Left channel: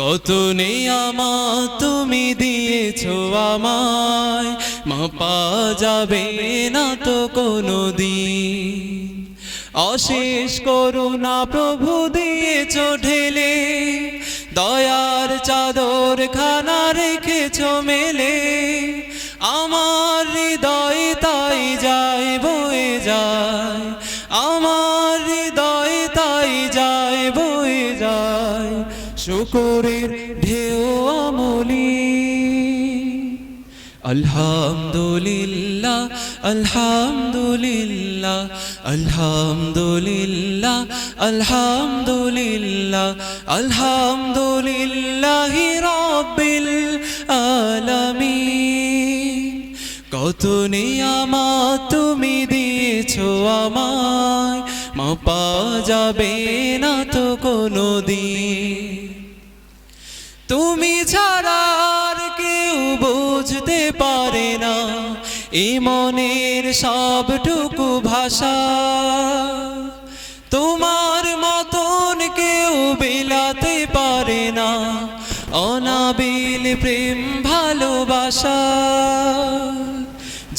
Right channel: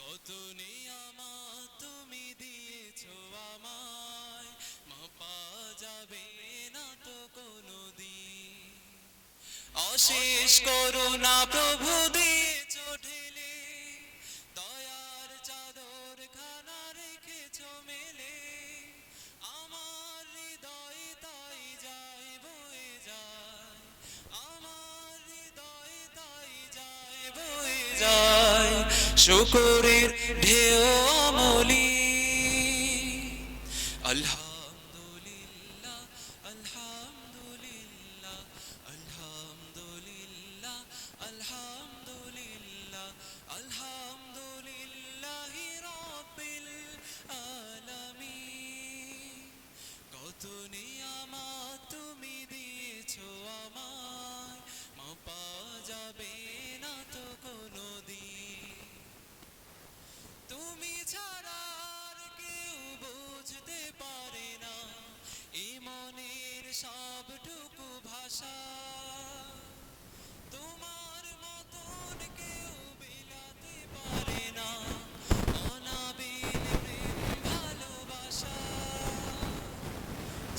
কত নিয়ামত তুমি দিয়েছো আমায়, মাপা যাবে না তো কোনোদিন। অশেষ করুণা প্রভু দিয়েছো ঢেলে, দয়ার চাদর খানা রেখেছো মেলে। আমার হৃদয় তাই যায় বয়ে যায়, আমার হৃদয় তাই যায় বয়ে যায় শুকরের ঢেউ আমলি। আলহামদুলিল্লাহ আলহামদুলিল্লাহ আলহামদুলিল্লাহ আলহামদুলিল্লাহ আলহামদুলিল্লাহি রাব্বিল আলামিন। কত নিয়ামত তুমি দিয়েছো আমায়, মাপা যাবে না তো কোনোদিন। তুমি ছাড়া আর কেউ বুঝতে পারে না এ মনের সবটুকু ভাষা। তোমার মতন কেউ বিলাতে পারে না অনাবিল প্রেম ভালোবাসা।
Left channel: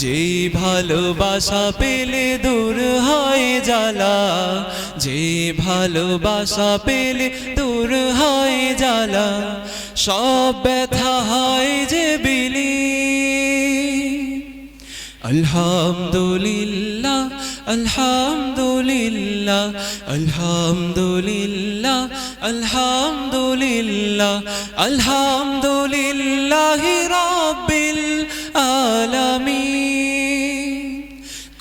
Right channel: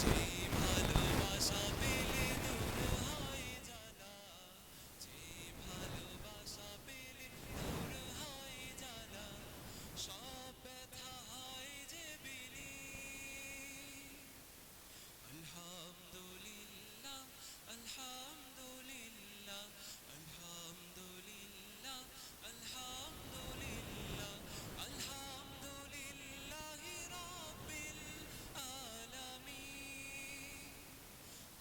যে ভালোবাসা পেলে দূর হয় জ্বালা, যে ভালোবাসা পেলে দূর হয় জ্বালা, সব ব্যথা হয় যে বিলীন। আলহামদুলিল্লাহ আলহামদুলিল্লাহ আলহামদুলিল্লাহ আলহামদুলিল্লাহ আলহামদুলিল্লাহি রাব্বিল আলামিন।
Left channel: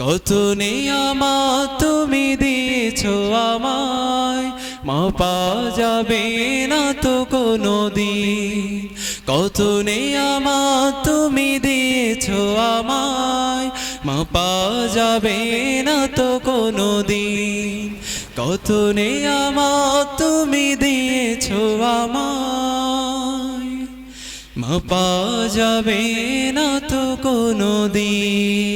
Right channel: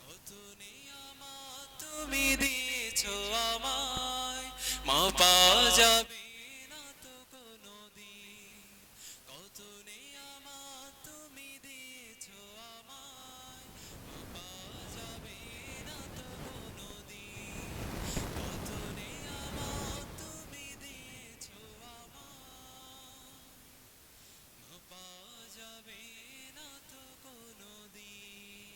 কত নিয়ামত তুমি দিয়েছো আমায়, মাপা যাবে না তো কোনোদিন। কত নিয়ামত তুমি দিয়েছো আমায়, মাপা যাবে না তো কোনোদিন। কত নিয়ামত তুমি দিয়েছো আমায়, মাপা যাবে না তো কোনোদিন।